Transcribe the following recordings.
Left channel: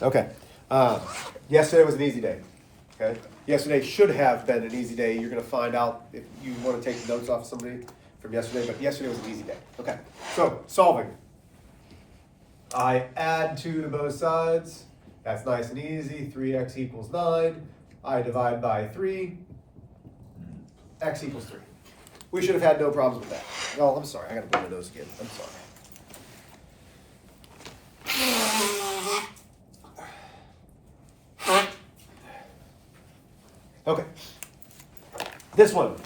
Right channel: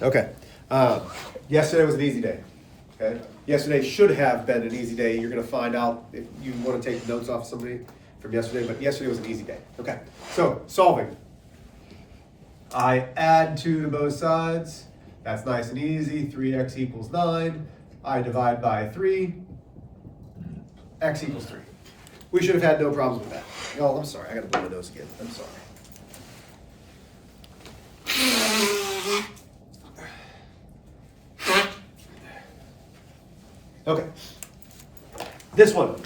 Okay. Yesterday was an easy day. Okay. Yesterday should have been an easy day. You're going to find out if you want to take notes off somebody from yesterday, but yesterday was an easy day. Okay. So, solving. I add 2 to both sides. That's nice and easy. 3x equals 9. I divide by 3. X equals 3. We should have had no problems with that. Well, I'm sorry. I got to blow my nose again. I'm sorry. Okay. This one.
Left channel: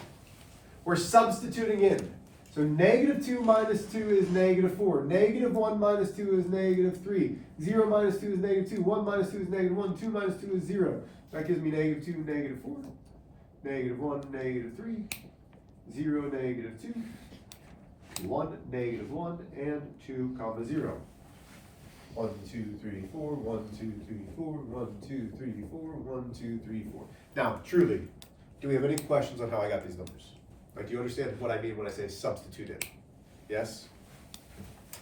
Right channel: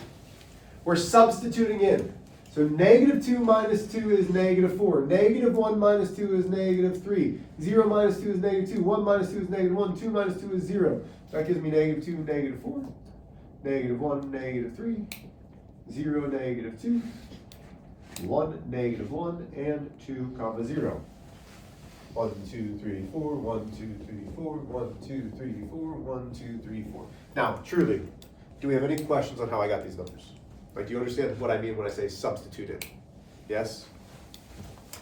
We're substituting in. So negative 2 minus 2 is negative 4. Negative 1 minus 2 is negative 3. 0 minus 2 is negative 2. 1 minus 2 is negative 1. 2 minus 2 is 0. So that gives me negative 2, negative 4. Negative 1, negative 3. 0, negative 2. 1, negative 1, and 2, comma 0. 1, 2, 3, 4, 1, 2, 3, 4, 1, 2, 3, 4, 1, 2, 3, 4. Now, truly, do we have any questions on how I got these numbers? Like, do you understand what I mean when I say substitute in? Yes?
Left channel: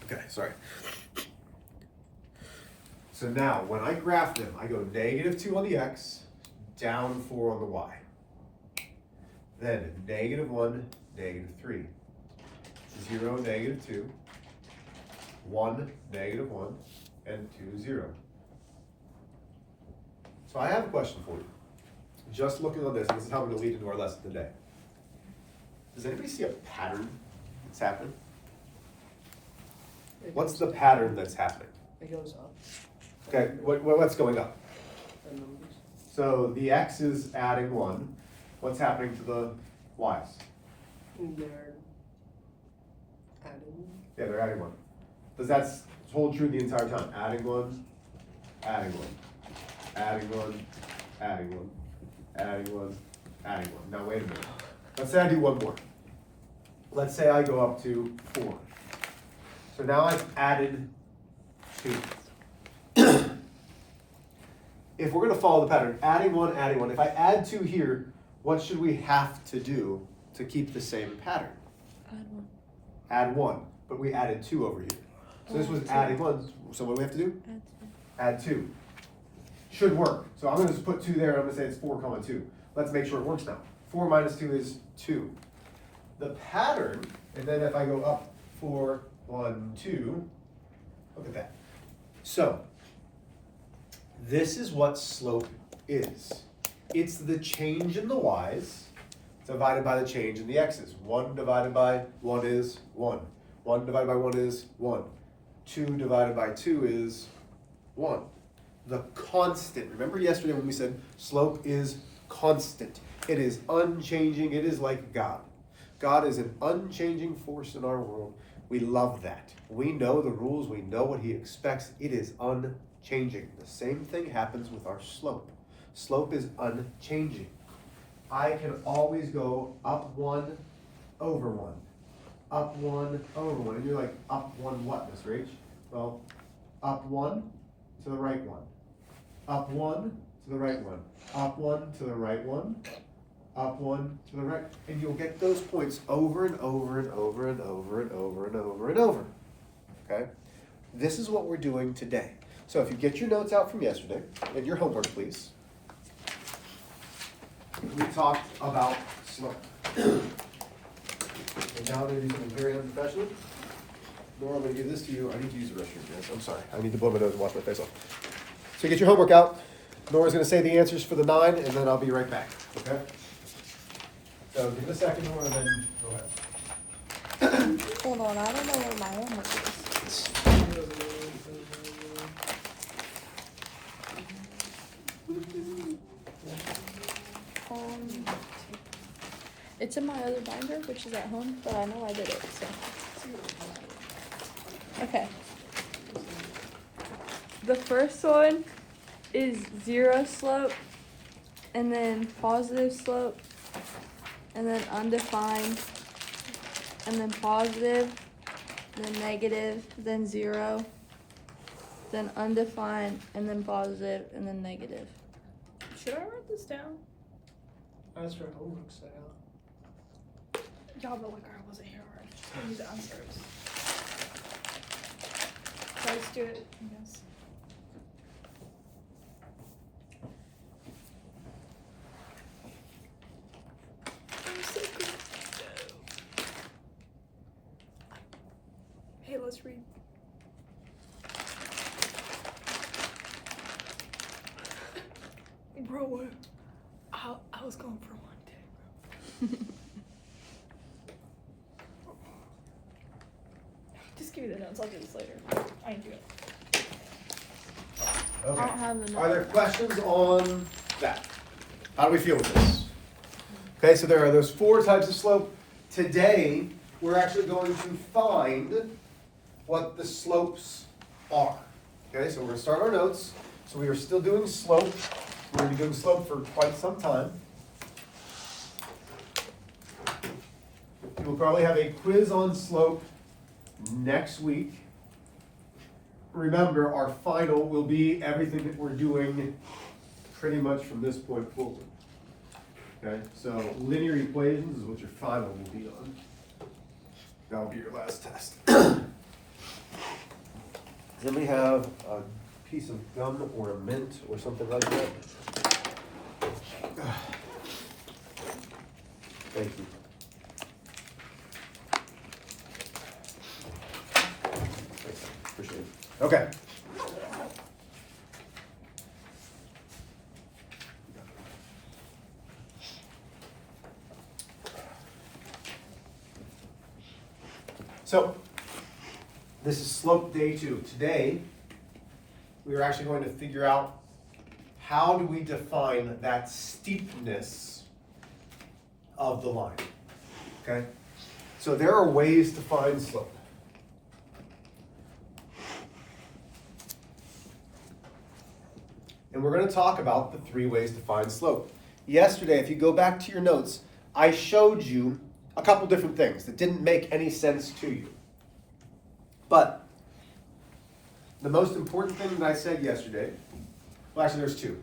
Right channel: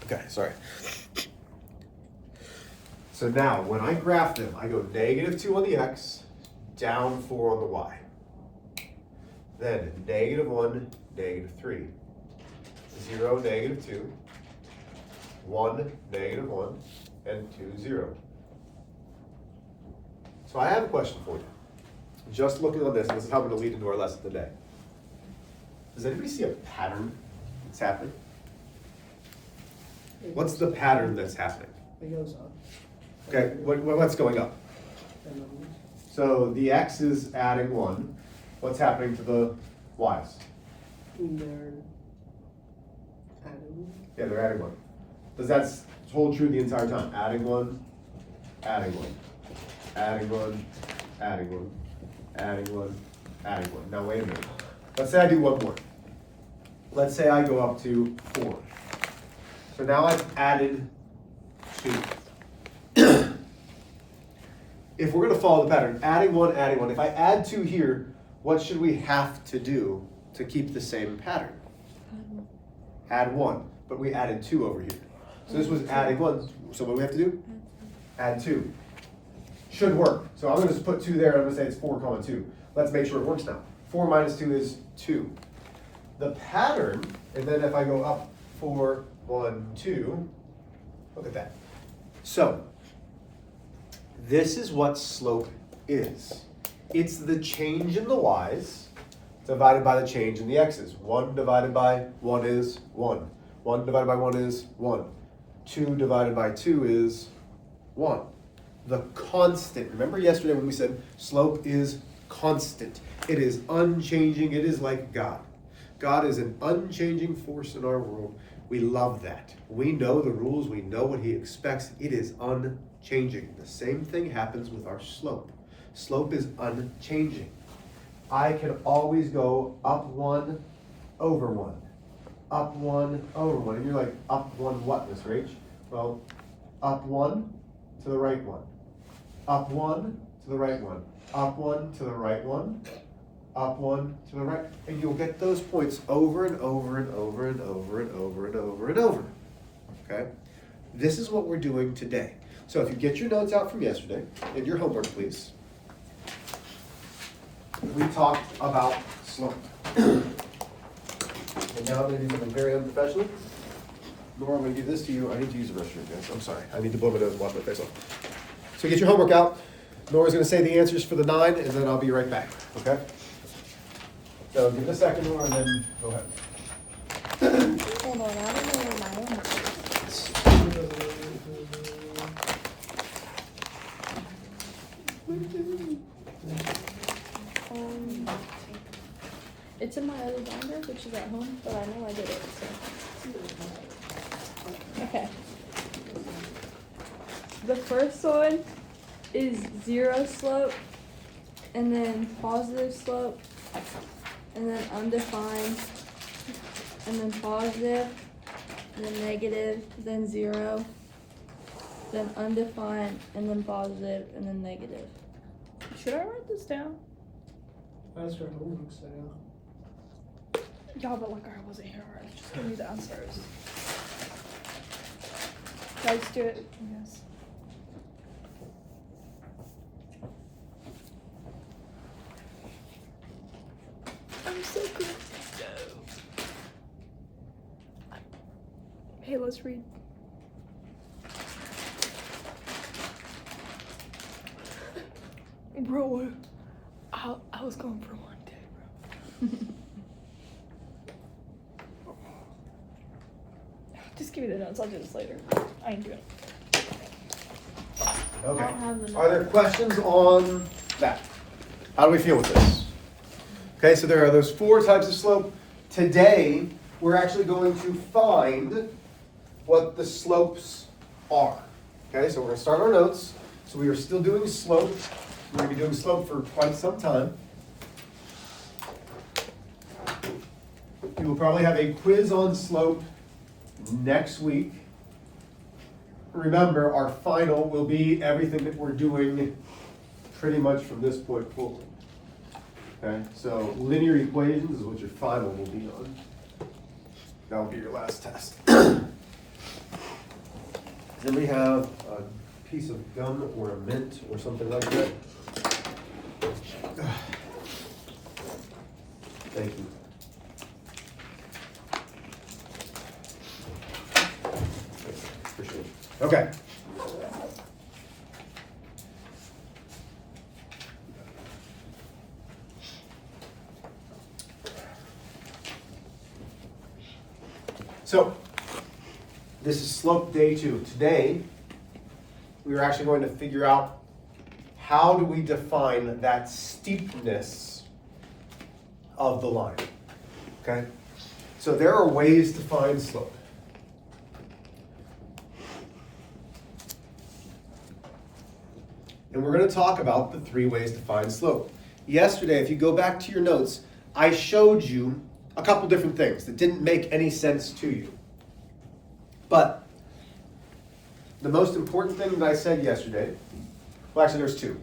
Okay, sorry. So now, when I graph them, I go negative 2 on the x, down 4 on the y. Then negative 1, negative 3. 0, negative 2. 1, negative 1, and 2, 0. So I have a question for you. Just looking on this, and this is how we're going to lead into our lesson today. Does anybody see a pattern that's happening? What's the pattern that's happening? It goes up. Okay, what's going up? So the x is adding 1. What's happening to the y's? They're adding. Yeah, they're adding 1. Does that hold true the entire time? Adding 1, adding 1, adding 1, adding 1, adding 1, adding 1. Now wait a minute. Let's say I do one more. Let's say I go up to 4. So now I've added 2. If we're going to follow the pattern, adding 1, adding 1. If I add 2 here, what should we have to do to keep the same pattern? Add 1. But we added 2 over here. So this was adding 1. So what do we have to do? Add 2. Should work. So I'm going to just put 2 there. I'm going to say it's 4, 2. Let's make sure it works now. 4 minus 2 is 2. The pattern, and then if I go up 4, 1, 2, look at that. So this is what slope is. It's the change in the y's divided by the change in the x's. 1 divided by 1 is 1. 1 divided by 1 is 1. 2 divided by 2 is 1. The constant. Remember yesterday when we said slope is constant. It is unchanging. It is like God. God is an unchanging force in our world. We love that. We know the rules. We know what he expects. It is unchanging. The same thing happens with our slope. Slope is unchanging. I can always go up 1, over 1. Up 1, over 1. And you're like, up 1 what, Miss Rach? Well, up 1 to the right 1. Up 1 to the right 1. Up 1 to the right 1. Up 1 to the right. And you'll get those points over and over and over and over and over and over and over. Okay? This is what we're doing today. So if you get your notes out from yesterday, and your homework, please. We talked about slope. And now I'm going to do something very unprofessional. Nora, I'm going to give this to you. I need to use the restroom, guys. I'm sorry. I need to blow my nose and wash my face off. So get your homework out. Nora's going to say the answers for the 9, and then I'll be right back. Okay? So give it a second, Nora, and then go ahead. It's in my other binder, which is at home, but I know I did it. So. Okay. The first one is 0 slope, and then positive slope, and then undefined, and then positive, and then negative, then 0, then undefined, and then positive, and then negative. Should I write this down? That's your homework set out. Yeah, but like I wasn't here, I was just gonna do the answers. Let's do it. Yes. let's read. Bro, I was going for one day, bro. Just give me the notes, I'll do this later. I ain't doing it. Okay. I have them. Are there questions on that? How do we feel with this? Okay, so there are those 4 types of slope. Today, we're actually going to find what the slopes are. Okay, so we're going to start our notes. So we are still doing slope. We're going to be doing slope for quite some time. We will probably have a quiz on slope next week. Remember, our final will be everything that we're doing pretty much from this point forward. Okay, so linear equations is what your final will be on. That will be your last test. Then we have a piece of gum or a mint or something like that. Thank you. Appreciate it. Okay. So, this is slope day 2. Today, we're actually going to figure out how do we define that steepness of the line, okay? So there are ways to find slope. And we're going to talk about the 3 ways to find slope. Yesterday, if you go back to your notes, I showed you a couple different things that didn't make any sense to you. But the most important thing that I said yesterday, well, actually there's 2.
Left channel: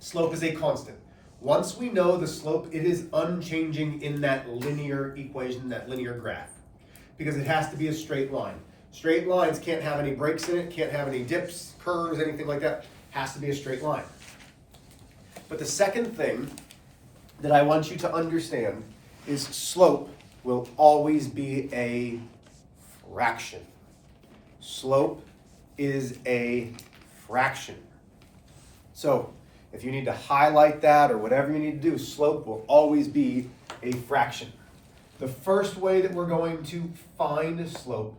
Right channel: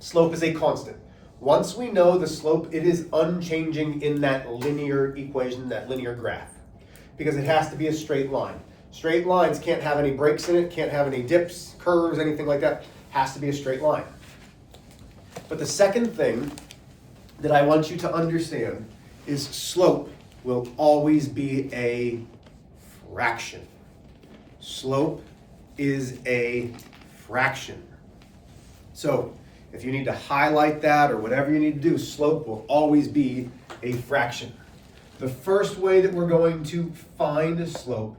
Slope is a constant. Once we know the slope, it is unchanging in that linear equation, that linear graph, because it has to be a straight line. Straight lines can't have any breaks in it, can't have any dips, curves, anything like that. Has to be a straight line. But the second thing that I want you to understand is slope will always be a fraction. Slope is a fraction. So if you need to highlight that or whatever you need to do, slope will always be a fraction. The first way that we're going to find a slope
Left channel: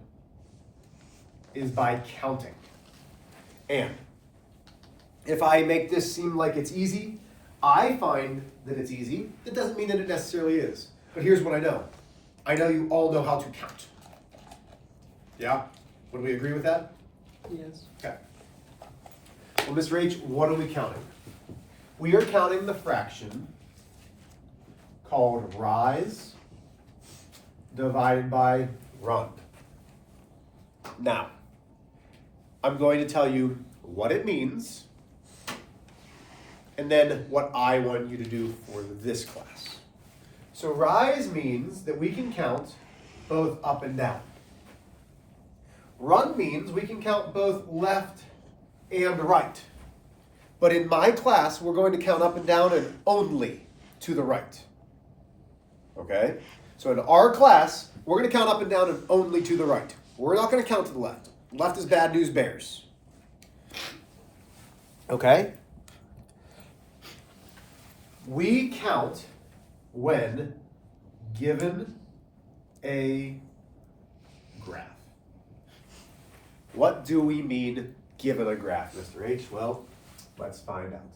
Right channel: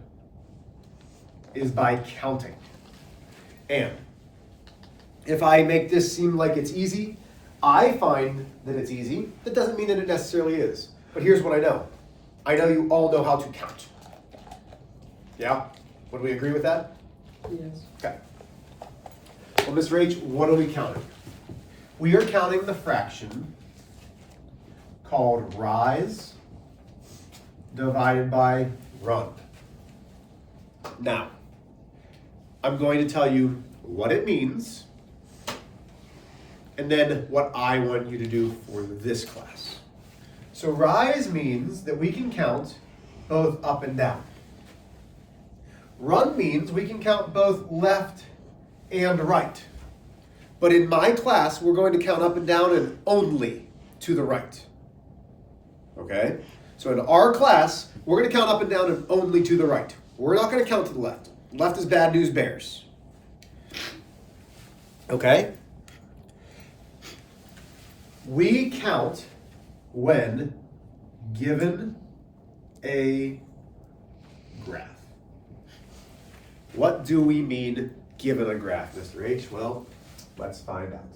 is by counting. And if I make this seem like it's easy, I find that it's easy. That doesn't mean that it necessarily is. But here's what I know. I know you all know how to count. Yeah? Would we agree with that? Yes. Okay. Well, Mr. H, what are we counting? We are counting the fraction called rise divided by run. Now, I'm going to tell you what it means and then what I want you to do for this class. So rise means that we can count both up and down. Run means we can count both left and right. But in my class, we're going to count up and down and only to the right. Okay? So in our class, we're going to count up and down and only to the right. We're not going to count to the left. Left is bad news bears. Okay? We count when given a graph. What do we mean given a graph, Mr. H? Well, let's find out.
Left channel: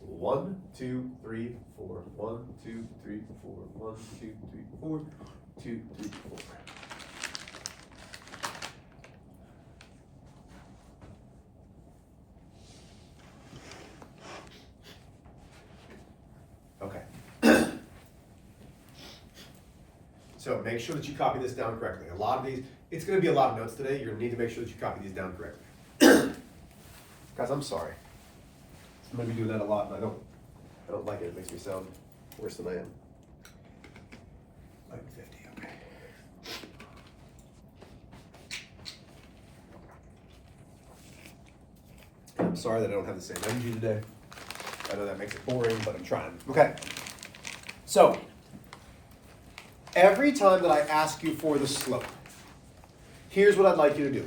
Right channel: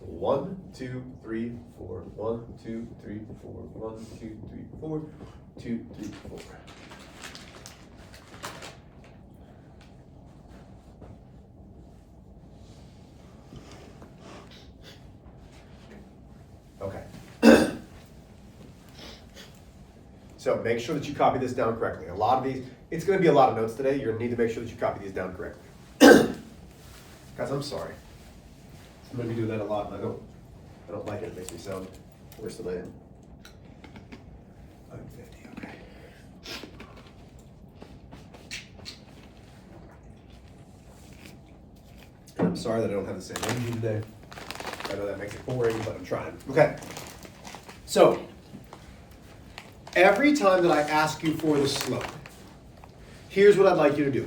1, 2, 3, 4. 1, 2, 3, 4. 1, 2, 3, 4. 2, 3, 4. Okay. So make sure that you copy this down correctly. A lot of these, it's going to be a lot of notes today. You're going to need to make sure that you copy these down correctly. Guys, I'm sorry. I'm going to be doing that a lot, and I don't like it. It makes me sound worse than I am. 550, okay. I'm sorry that I don't have the same energy today. I know that makes it boring, but I'm trying. Okay. So, every time that I ask you for the slope, here's what I'd like you to do.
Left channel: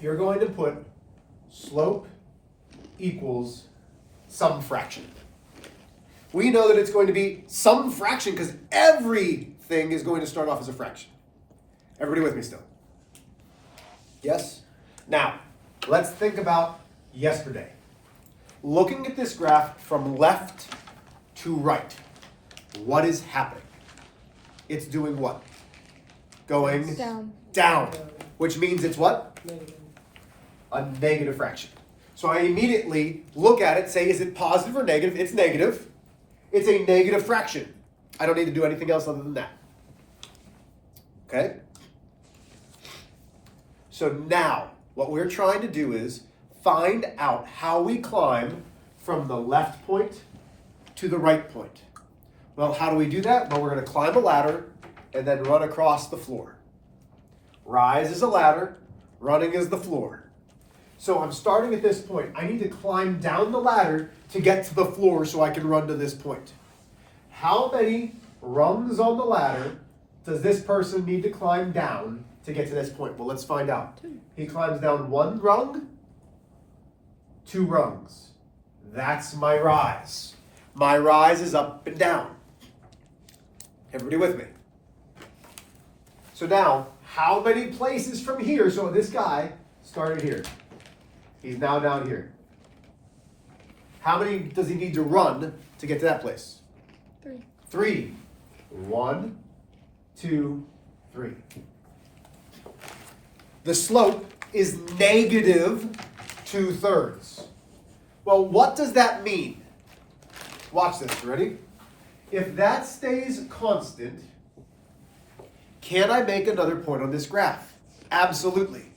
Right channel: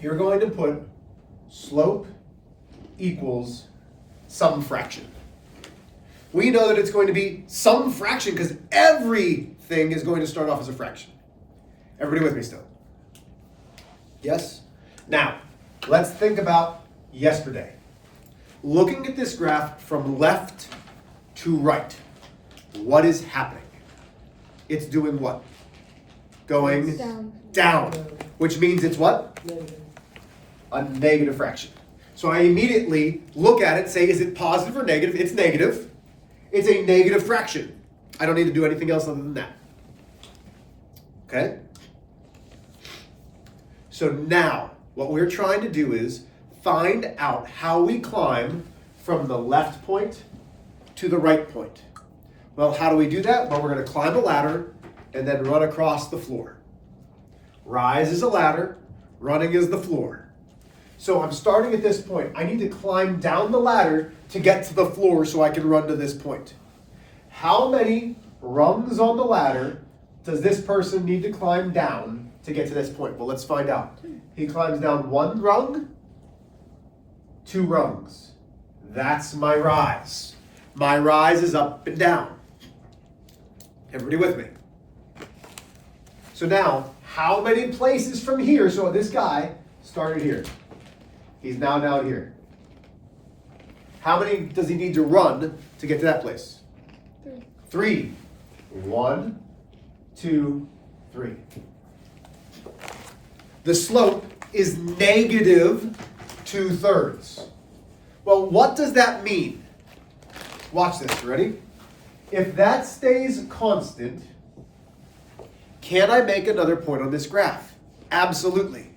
You're going to put slope equals some fraction. We know that it's going to be some fraction because everything is going to start off as a fraction. Everybody with me still? Yes? Now, let's think about yesterday. Looking at this graph from left to right, what is happening? It's doing what? Going down, which means it's what? Negative. A negative fraction. So I immediately look at it, say, is it positive or negative? It's negative. It's a negative fraction. I don't need to do anything else other than that. Okay? So now, what we're trying to do is find out how we climb from the left point to the right point. Well, how do we do that? Well, we're going to climb a ladder and then run across the floor. Rise is a ladder, running is the floor. So I'm starting at this point. I need to climb down the ladder to get to the floor so I can run to this point. How many rungs on the ladder does this person need to climb down to get to this point? Well, let's find out. He climbs down 1 rung, 2 rungs. That's my rise. My rise is up and down. Everybody with me? So now, how many places from here? So this guy started here. He's now down here. How many does he need to run to get to that place? 3. 3. 1, 2, 3. The slope is negative 2/3. Well, what does that mean? Watch this, ready? If that stays constant, can I make another point on this graph? Absolutely.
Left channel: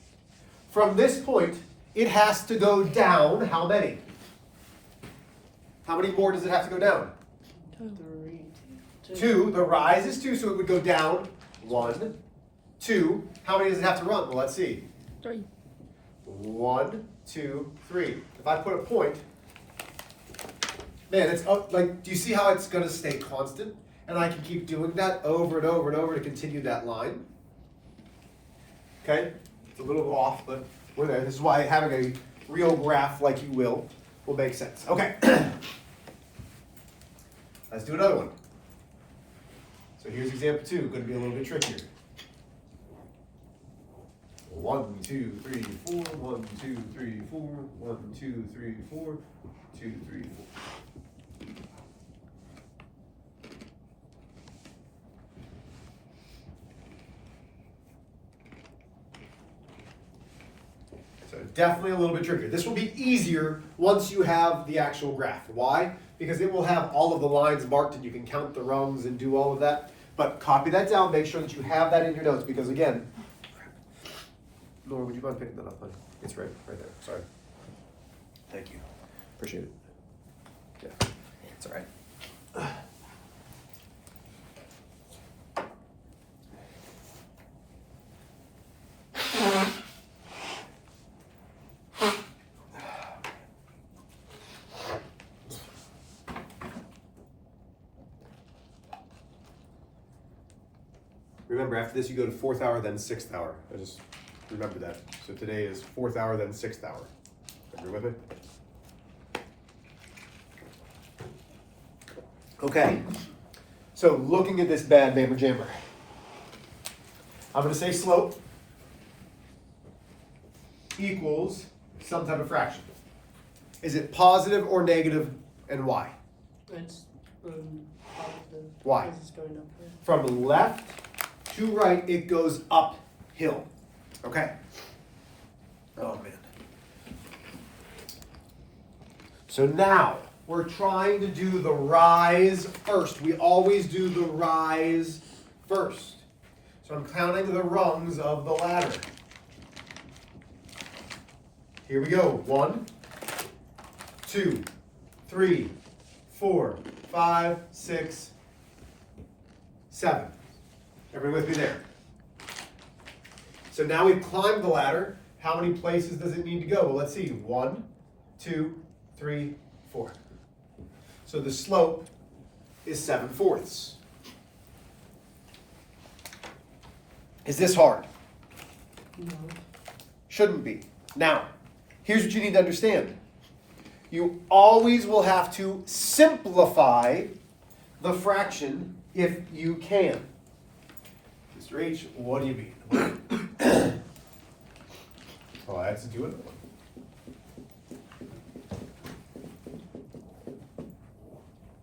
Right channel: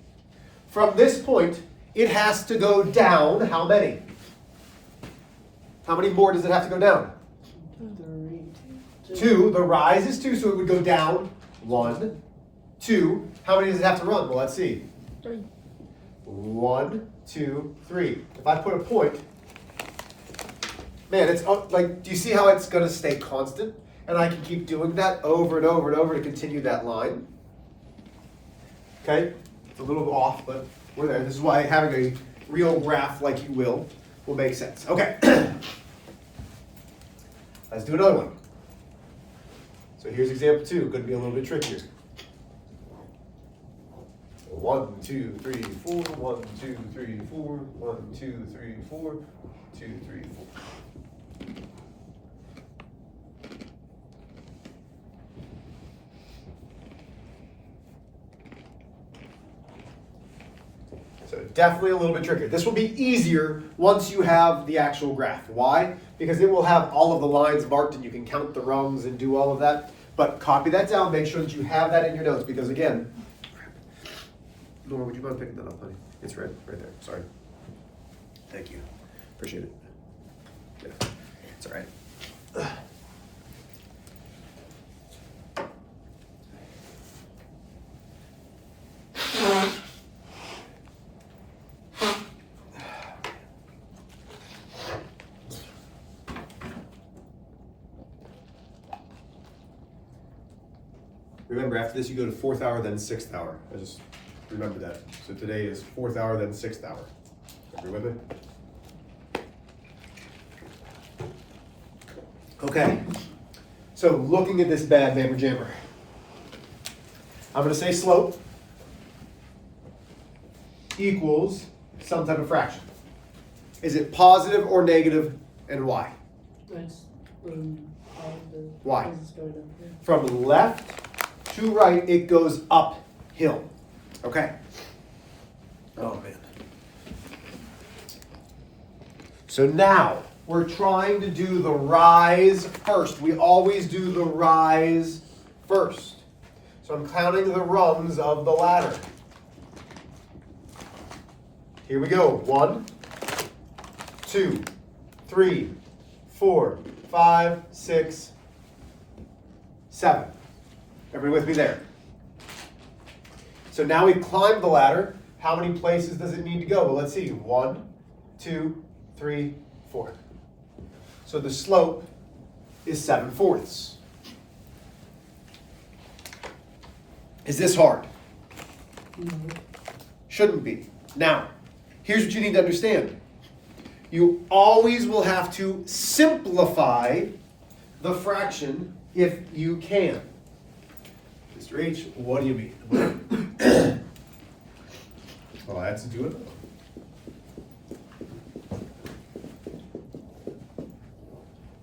From this point, it has to go down how many? How many more does it have to go down? 3. 2. The rise is 2, so it would go down 1, 2. How many does it have to run? Well, let's see. 3. 1, 2, 3. If I put a point, man, it's like, do you see how it's going to stay constant? And I can keep doing that over and over and over to continue that line. Okay? It's a little off, but we're there. This is why having a real graph like you will make sense. Okay. Let's do another one. So here's example 2. Going to be a little bit trickier. 1, 2, 3, 4. 1, 2, 3, 4. 1, 2, 3, 4. 2, 3, 4. So definitely a little bit trickier. This will be easier once you have the actual graph. Why? Because it will have all of the lines marked and you can count the rungs and do all of that. But copy that down, make sure that you have that in your notes because again, Nora, would you mind picking that up, honey? It's right there, sorry. Thank you, appreciate it. Yeah, it's all right. Remember, after this, you go to 4th hour, then 6th hour. I just remember that. So today is 4th hour, then 6th hour. Everybody with it? Okay. So looking at this bad mammer jammer, I'm going to say slope equals some type of fraction. Is it positive or negative, and why? It's positive. Why? Because it's going up here. From left to right, it goes uphill. Okay? Oh, man. So now, we're trying to do the rise first. We always do the rise first. So I'm counting the rungs of the ladder. Here we go. 1, 2, 3, 4, 5, 6, 7. Everybody with me there? So now we've climbed the ladder. How many places does it need to go? Well, let's see. 1, 2, 3, 4. So the slope is 7/4. Is this hard? No. Shouldn't be. Now, here's what you need to understand. You always will have to simplify the fraction if you can. Mr. H, what do you mean? Oh, I have to do it.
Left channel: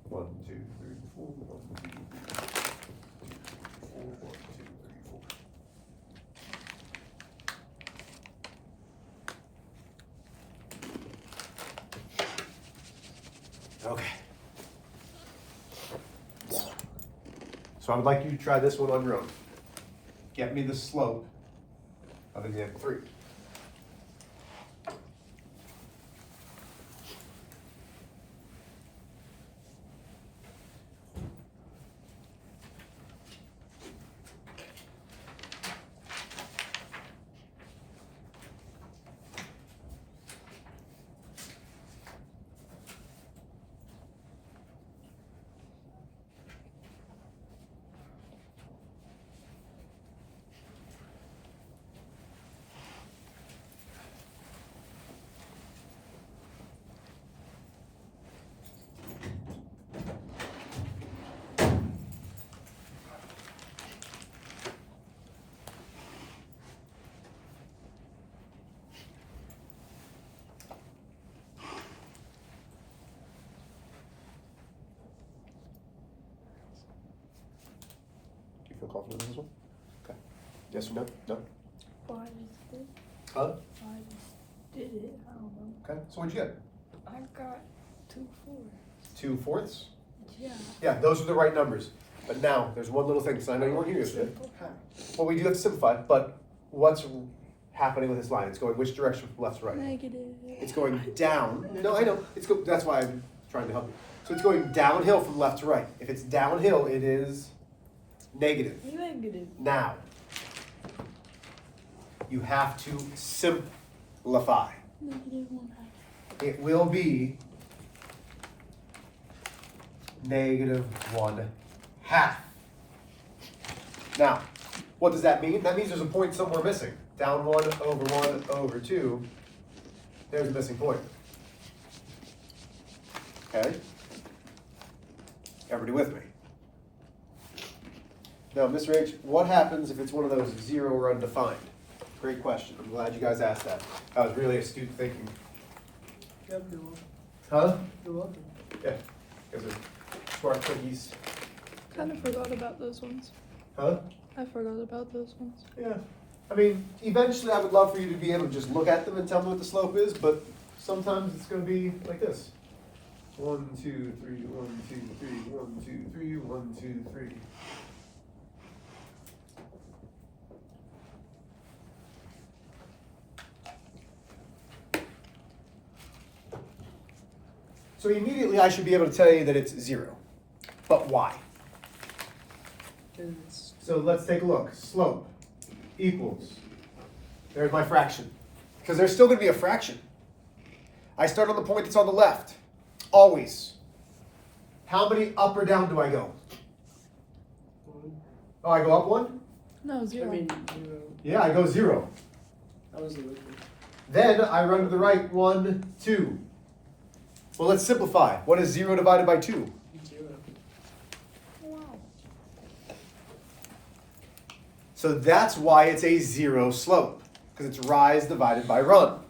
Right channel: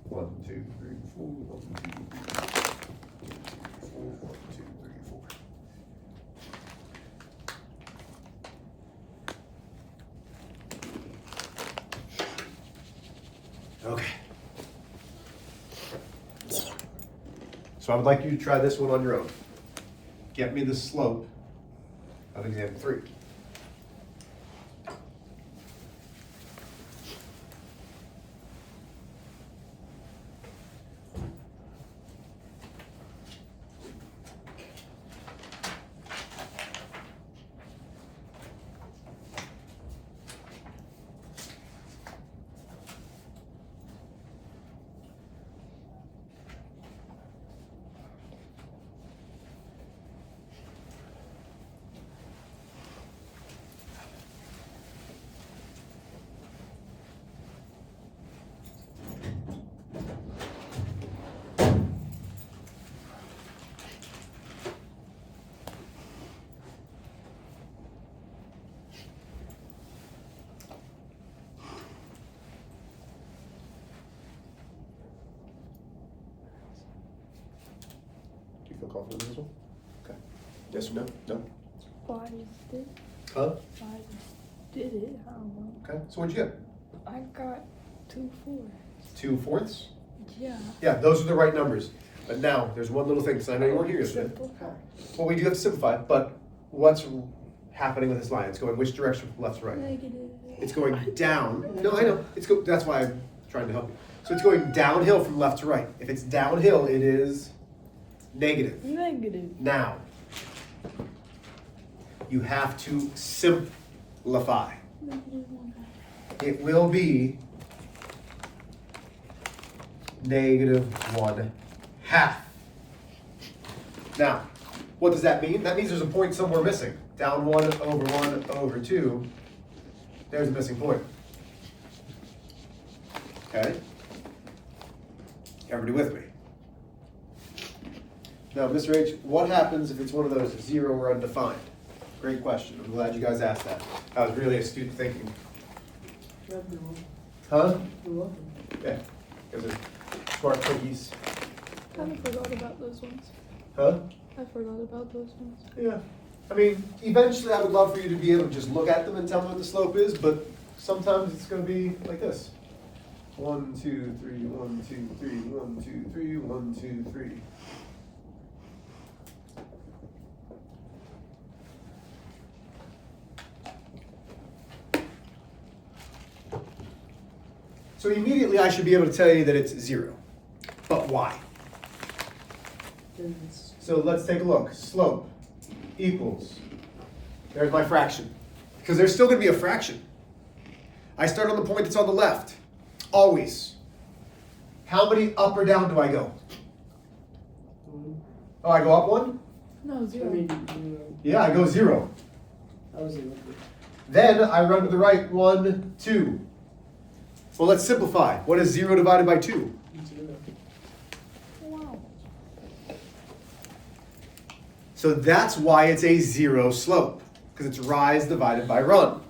One, two, three, four. 1, 2, 3, 4. 1, 2, 3, 4. Okay. So I would like you to try this one on your own. Get me the slope of example 3. Feel confident in this one? Okay. Yes or no? No? Why did it? Huh? Why did it? I don't know. Okay. So what'd you get? I got 2 4. 2/4? Yeah. Yeah, those are the right numbers. But now, there's one little thing, because I know you weren't here yesterday. Well, we do have to simplify, but what's happening with this line? It's going which direction from left to right? Negative. It's going down. No, I know. That's why I'm trying to help you. So it's going downhill from left to right. If it's downhill, it is negative. Negative. Now, you have to simplify. It will be -1/2. Now, what does that mean? That means there's a point somewhere missing. Down 1 over 1 over 2. There's a missing point. Okay? Everybody with me? Now, Mr. H, what happens if it's one of those 0 or undefined? Great question. I'm glad you guys asked that. That was really astute thinking. Yeah, you're welcome. Huh? You're welcome. Yeah. Guys are smart cookies. Kind of forgot about those ones. Huh? I forgot about those ones. Yeah. I mean, eventually I would love for you to be able to just look at them and tell me what the slope is, but sometimes it's going to be like this. 1, 2, 3, 1, 2, 3, 1, 2, 3, 1, 2, 3. So immediately I should be able to tell you that it's 0. But why? Because So let's take a look. Slope equals, there's my fraction. Because there's still going to be a fraction. I start on the point that's on the left. Always. How many up or down do I go? Oh, I go up 1? No, I 0. mean, Yeah, I go 0. I was like, Then I run to the right 1, 2. Well, let's simplify. What is 0 divided by 2? 0. So that's why it's a 0 slope. Because it's rise divided by run.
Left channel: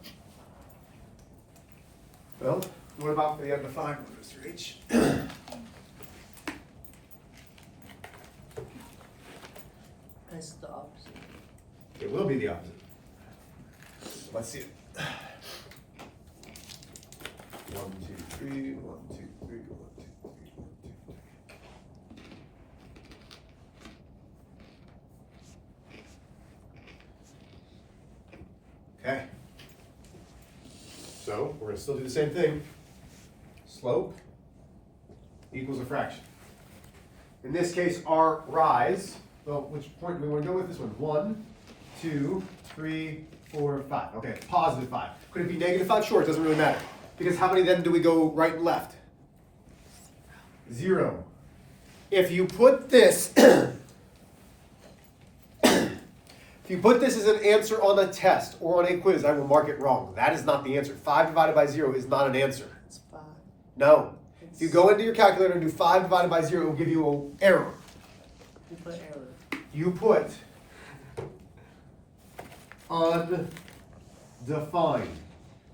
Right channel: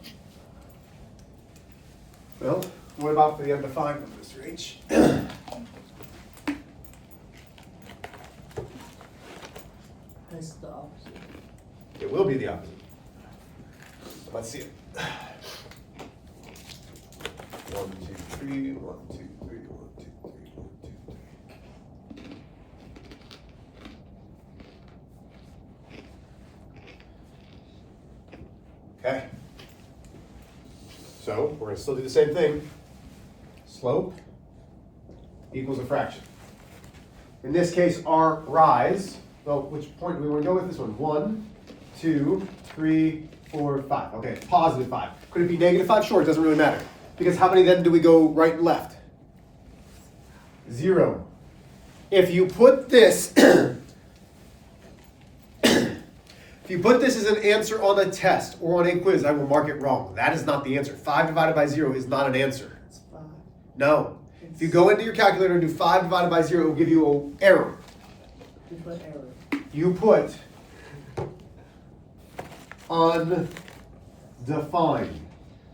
Well, what about for the undefined one, Mr. H? That's the opposite. It will be the opposite. Let's see it. 1, 2, 3, 1, 2, 3, 1, 2, 3, 1, 2, 3. Okay. So we're going to still do the same thing. Slope equals a fraction. In this case, our rise, well, which point do we want to go with this one? 1, 2, 3, 4, 5. Okay, it's positive 5. Could it be negative 5? Sure, it doesn't really matter. Because how many then do we go right and left? 0. If you put this If you put this as an answer on a test or on a quiz, I will mark it wrong. That is not the answer. 5 divided by 0 is not an answer. It's 5. No. If you go into your calculator and do 5 divided by 0, it will give you an error. You put error. You put undefined.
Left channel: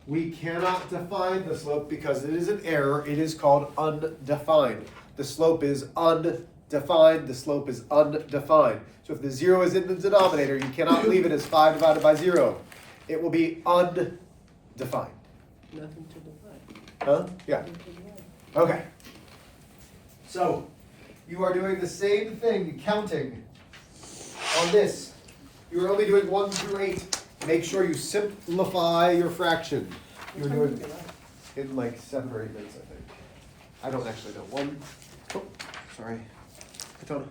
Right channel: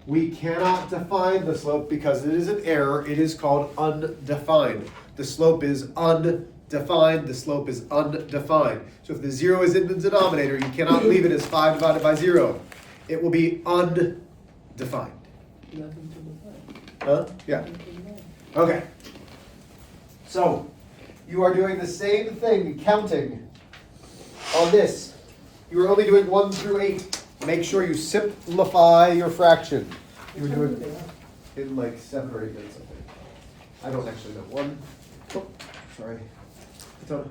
We cannot define the slope because it is an error. It is called undefined. The slope is undefined. The slope is undefined. So if the 0 is in the denominator, you cannot leave it as 5 divided by 0. It will be undefined. Nothing to define. Huh? Yeah. Nothing to define. Okay. So you are doing the same thing counting on this. You are only doing 1 through 8. Make sure you simplify your fraction. You're What time doing is it? in like 7 or 8 minutes, I think. I don't actually know. Sorry. Tell me.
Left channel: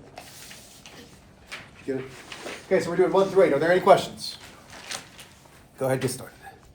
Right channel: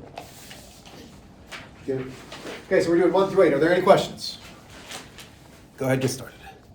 Get it? Okay, so we're doing 1 through 8. Are there any questions? Go ahead, get started.